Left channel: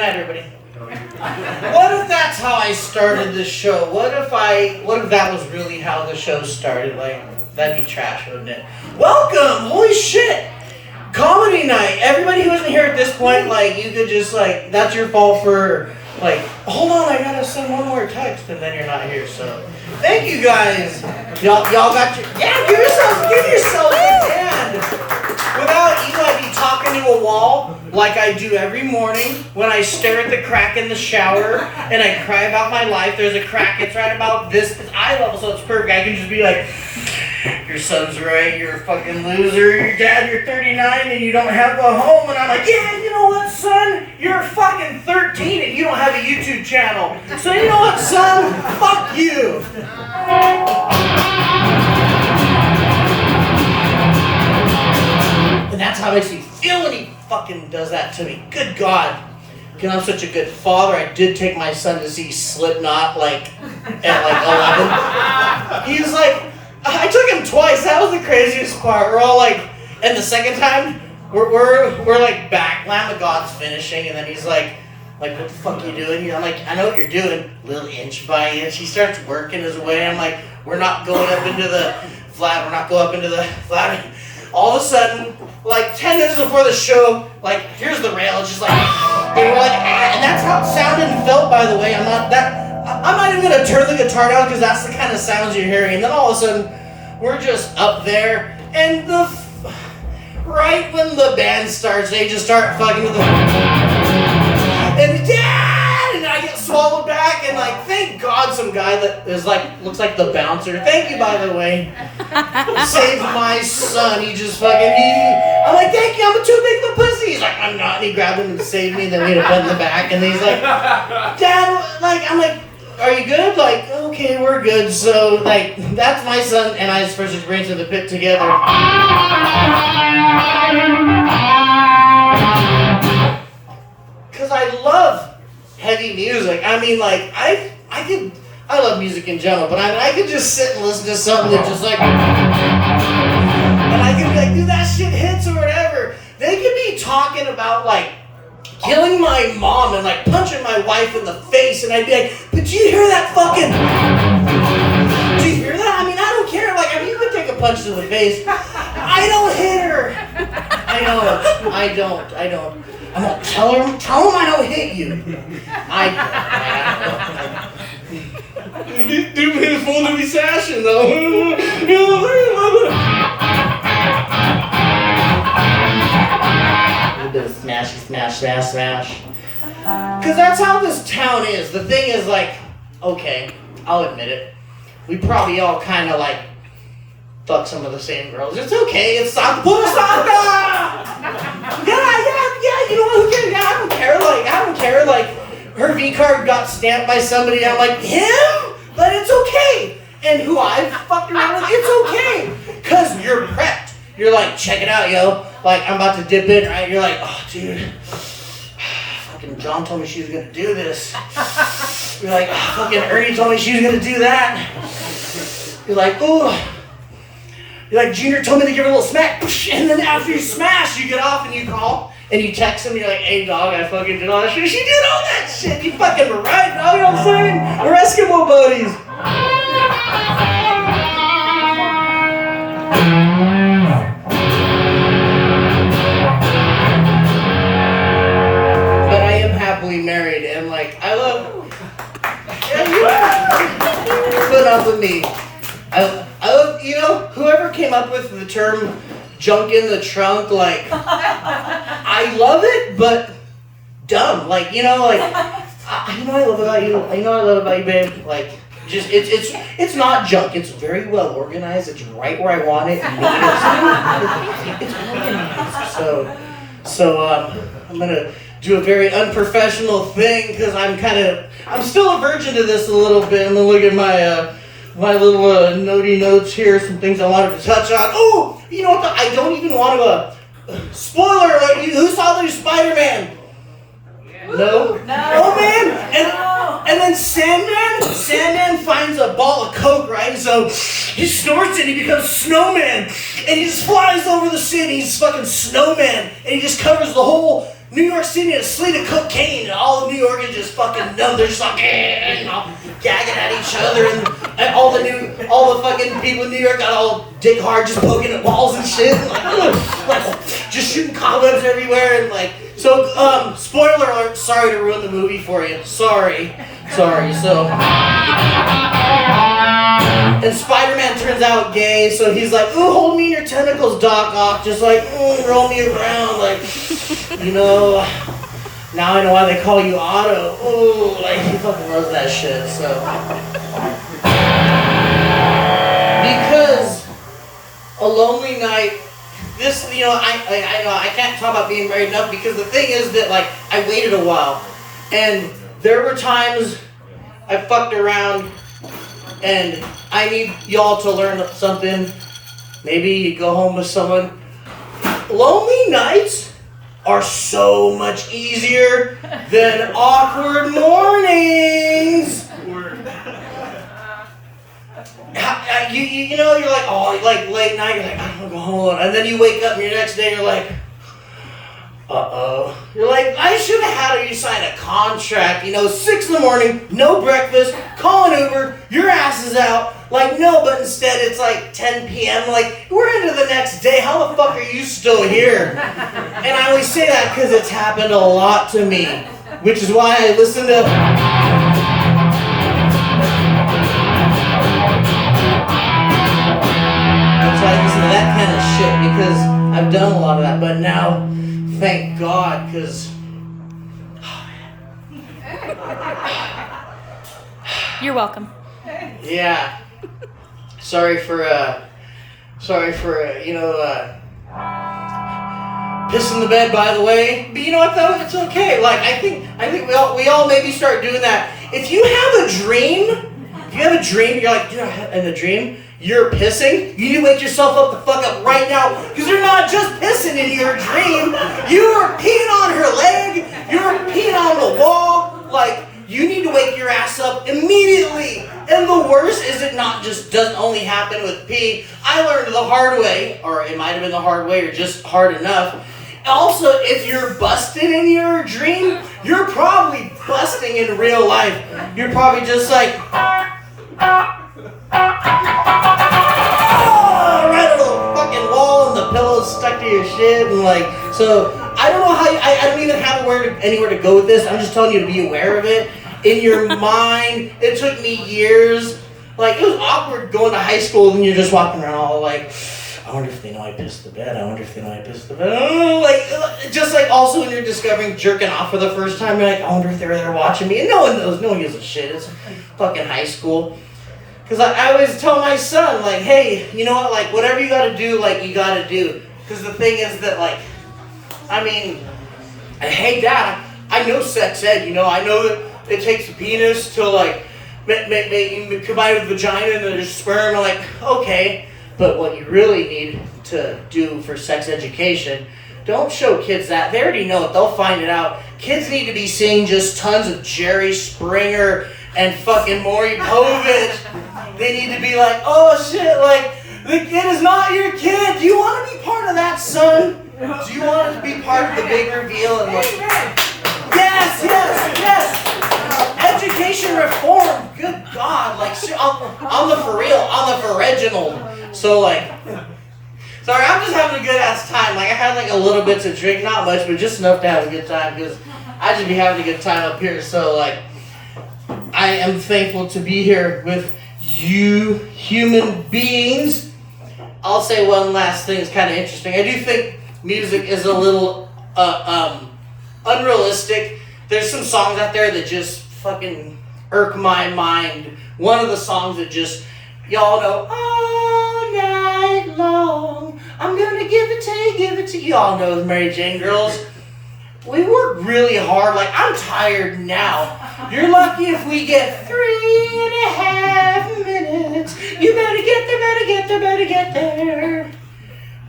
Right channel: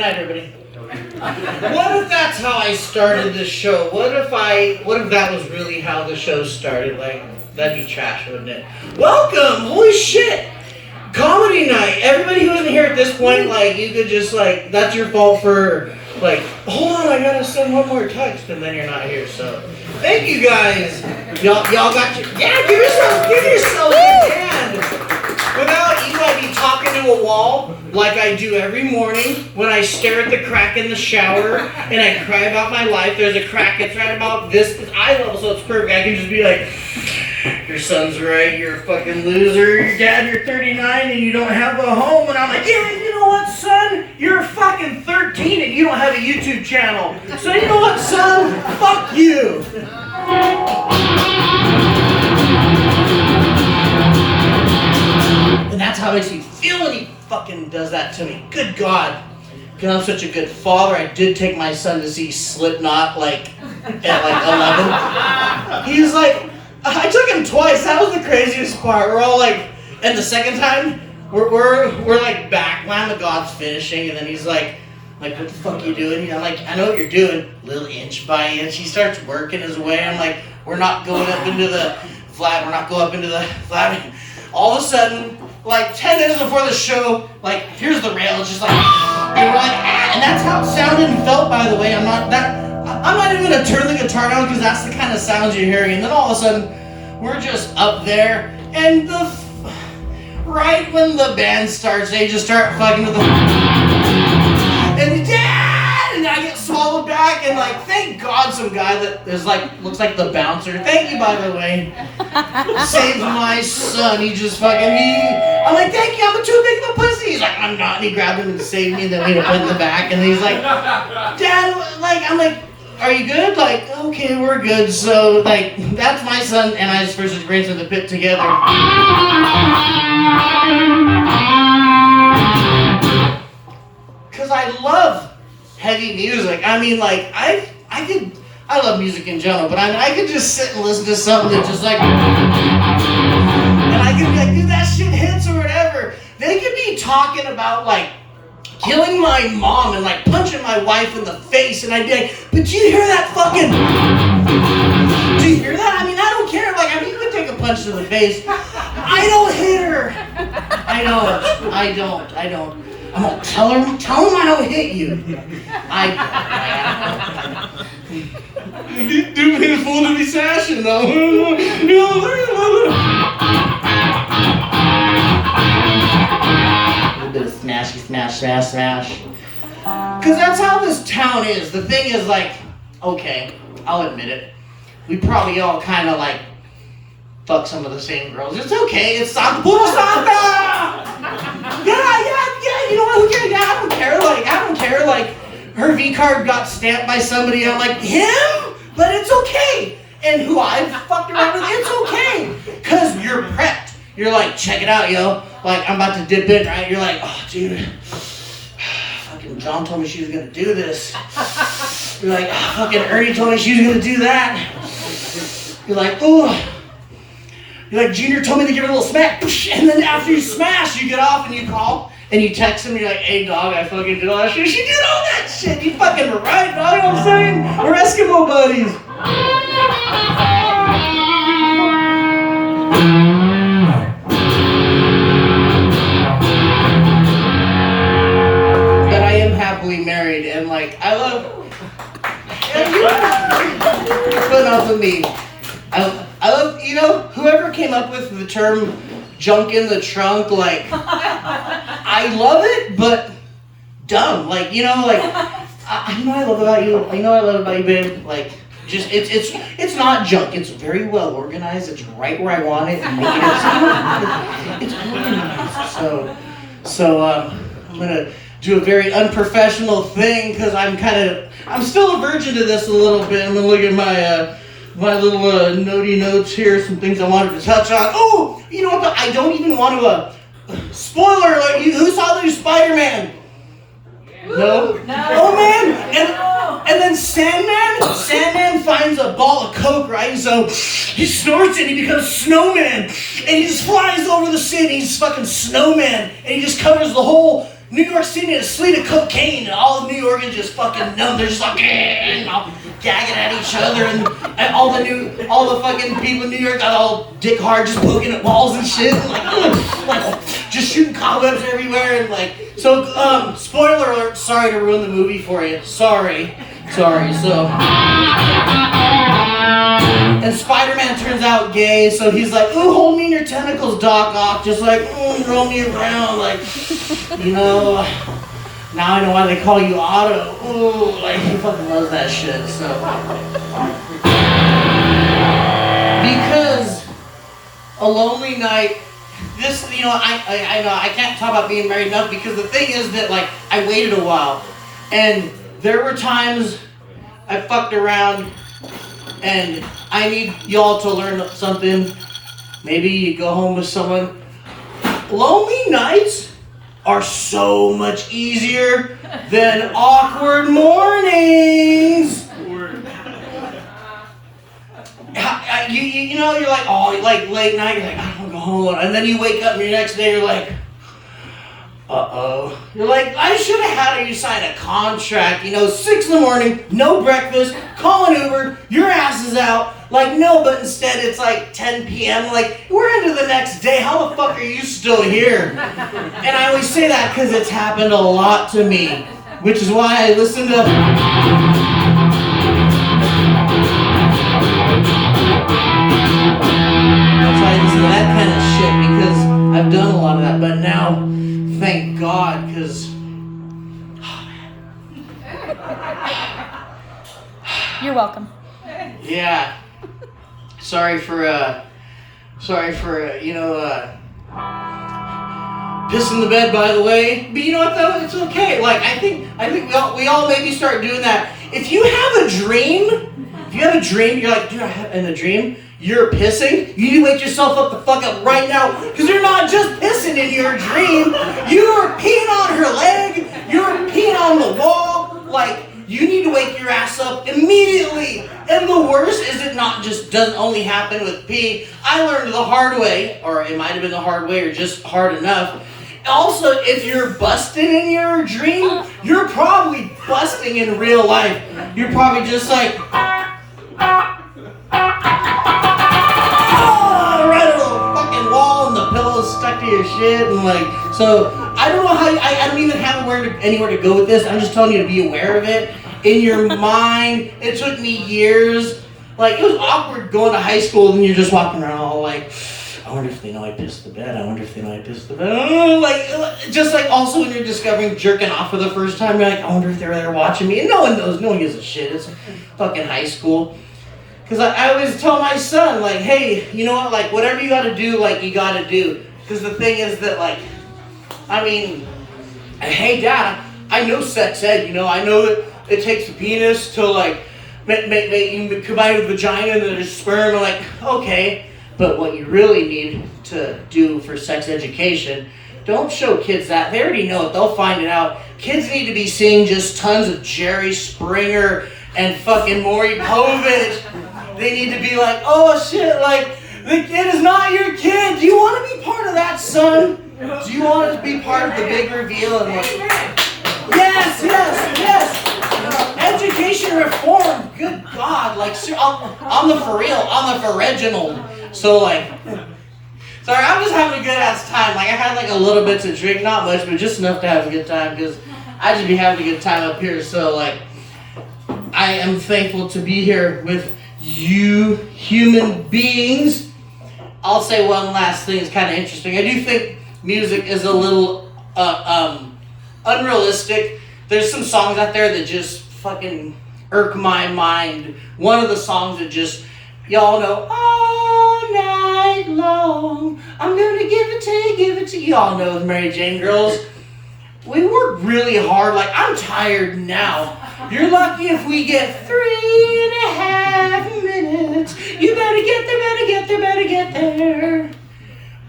night, everybody. What if that's how I started this show? What if that was really how the show started? Like, that'd be trash, wouldn't it? Welcome! Holy shit! Comedy night. Everybody who isn't here at this point, like, you could just, like, that's your fault for, like, hold on, I gotta send one more text, and then you're not here, so. Thank you guys. Y'all got your, yeah, give yourself a hand. Without you, I'd be talking to a wall like I do every morning when I stare at the crack in the shower and I cry about my life. There's a crack, it's right about this eye level, so it's perfect. I can just be like, your son's right, you're a fucking loser. Your dad, you're 39 and you don't have a home. And I'm like, yeah, you know what, son? You're fucking 13 and you don't have a YouTube channel. So you know what, son? Fuck you. And that's how it makes me feel when he fucking does that to me. Good God. Because I'm such a good father, I did take my son to see Slipknot, like, at, 11. He's like, I took him twice. That was the craziest part. We're all like, and the second time, we're like back. Lamb of God's finishing, and then he's like, what the fuck you doing? I'm like, I know what you're doing. Little inch by inch. He starts working his way. I'm like, we're not going up into the flat. We're not going up into the flat. All of a sudden, like 10 minutes before the show, like, here's the rail. It's just like, and we're like, ah. And that's how it sounded and felt, by the way. I'm not even gonna turn the guitar down because that's the kind of sounds you're hearing. And then all of a sudden, we're just up there, and right when the band starts, they just start fucking with the, and Dad, and I get swallowed back, and like, thank God, some guy that is like looks like the bouncer. Thank you, by the way, saved my son. He just fucking I'm like, thank you. I'm too big of a pussy. He's like, I'm not. And he grabbed him and saved me, and then we had to put in the back, and he's like, Dad, like, I'm like, are you good? Like, okay, we're good. So, like, that's my son and I's versus Brains in the Pit together. Because I love heavy music. I mean, like, I love music in general, but I could just sit and listen to something that just, like, and I could be like, dude, that shit hits or whatever. They could be talking about, like, killing my mom and like punching my wife in the face, and I'd be like, but do you hear that fucking, do you hear that? I mean, I don't care. Like, I mean, you could take a punch to the face. I don't hit her. I don't. I'm gonna tell him I don't hit you. Dude, it's full to be sashing though. Smash. Because that's how this town is. The thing is, like, okay, I'll admit it. We probably all kind of, like, fuck some of the same girls. It's okay. It's Santa. Yeah, you know what? Who cares? Yeah, I don't care. Like, her V-card got stamped by somebody. I'm like, him? But it's okay. And who I fucked around with, it's okay. Because you're prepped. You're like, check it out, yo. Like, I'm about to dip in, right? You're like, oh, dude. Fucking John told me she was going to do this. You're like, oh, fucking Ernie told me she was going to do that. You're like, ooh. You're like, Junior told me to give her a little smack. And then after you smash, you get off and you call. And you text him, you're like, hey, dog, I fucking did all that shit. She did all that shit. You fucking were right, dog. You know what I'm saying? We're Eskimo buddies. Married, and like I love put up with me. I love, you know, whoever came up with the term junk in the trunk, like I love it, but dumb. Like, you know, like I know I love about you. I know I love about you, babe. Like, just it's not junk. It's very well organized. It's right where I want it. And it's organized. So I'm gonna do a very unprofessional thing because I'm still a virgin to this a little bit. I'm gonna look at my little notey notes here, some things I wanted to touch on. Oh, you know what? I don't even want to spoiler alert. Who saw the new Spider-Man? No. Oh man! And then Sandman finds a ball of coke, right? So he snorts it, and he becomes Snowman, and he just flies over the city. He's fucking Snowman, and he just covers the whole New York City in a slate of cocaine, and all the New Yorkers just fucking numb. They're just like, and all gagging at each other, and all the fucking people in New York got all dick hard, just poking at walls and shit, and like just shooting cobwebs everywhere, and like. So, spoiler alert. Sorry to ruin the movie for you. Sorry. So. And Spider-Man turns out gay, so he's like, ooh, hold me in your tentacles, Doc Ock. Just like, roll me around, like, you know, now I know why they call you Otto. Ooh, like, he fucking loves that shit, so. Because A Lonely Night, this, you know, I know I can't talk about being married enough, because the thing is that, like, I waited a while, and there were times I fucked around. And I need y'all to learn something. Maybe you go home with someone. Lonely nights are so much easier than awkward mornings. You know, you're like, oh, like late night, you're like, I want to go home alone. And then you wake up and your next day you're like, uh-oh. You're like, I should have had you sign a contract, you know, 6 a.m, no breakfast, call an Uber, your ass is out. Like, no, but instead it's like 10 p.m. Like, we're into the next day. How the fuck are you still here? And I only say that because it's happened a lot to me, which is why I listen to... That's why I listen to that kind of shit, because I've done a lot of that. But now... Thank God, because... You're welcome. Yeah. Sorry for pissing the bed, by the way. But you know what, though? It's okay. Like, I think we all maybe start doing that. If you have a dream, you're like, dude, in the dream, you're pissing, you need to wake yourself up the fuck up right now, because you're not just pissing in your dream, you are peeing on her leg, you're peeing on the wall, like, you need to wake your ass up immediately. And the worst is it not just doesn't only happen with pee. I learned the hard way, or it might have been the hard way, or just hard enough. Also, if you're busting in your dream, you're probably busting in real life. You're probably just like, right over the fucking wall, and the pillow's stuck to your shit, and like, so I don't know how I don't even have anywhere to go with this. I'm just telling you to be aware of it in your mind. It took me years. Like, it was awkward going to high school and you're just walking around all like, I wonder if they know I pissed the bed. Like, just like also when you're discovering jerking off for the first time, you're like, I wonder if they're there watching me. And no one knows. No one gives a shit. It's fucking high school. Because I always tell my son, like, hey, you know what, like, whatever you gotta do, like, you gotta do. Because the thing is that, like, I mean, hey, Dad, I know sex ed, you know, I know that it takes a penis to, like, combine with vagina and then sperm. I'm like, okay, but what you really need to do for sex education, don't show kids that. They already know it. They'll find it out. Kids need to be seeing just tons of Jerry Springer and fucking Maury Povich. They need to be like, oh shit, like, the kid is not your kid. Do you want to be part of that, son? Do you want to be part of the big reveal? And like, yes. Education reform. Good God, like, on the for real, on the for original. So like, sorry, I'm just having a good ass time. Like, I had like a little bit to drink, not much, but just enough to have a good time, because I just be having a good time up here. So like, I am thankful to be here with you human beings. I'll say one last thing. It's kind of interesting. I do think music is a little unrealistic. There's some songs out there that just fucking irk my mind. One of the songs that just, y'all know, all night long, I'm gonna give it to you. Y'all know the Mary Jane Girls. We work really hard. Like, I'm tired now. You're lucky if we get 3.5 minutes. You better get there.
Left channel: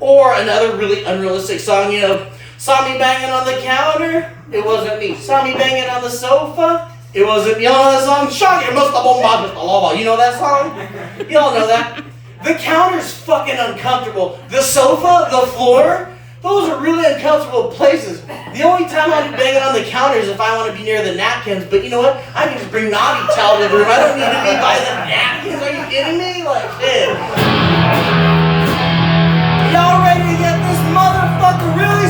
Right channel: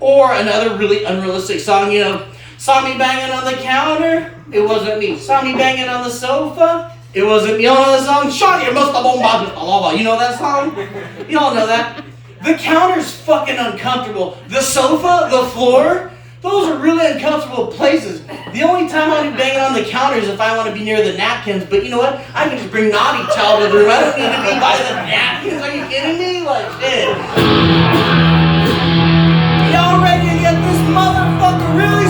Or another really unrealistic song, you know, saw me banging on the counter, it wasn't me. Saw me banging on the sofa, it wasn't me. Y'all know that song? Shock it, must have bomba, lava. You know that song? Y'all know that? The counter's fucking uncomfortable. The sofa, the floor, Those are really uncomfortable places. The only time I'll be banging on the counter is if I want to be near the napkins, but you know what? I can just bring naughty towel to the room. I don't need to be by the napkins. Are you kidding me? Like, shit. Y'all ready to get this motherfucker really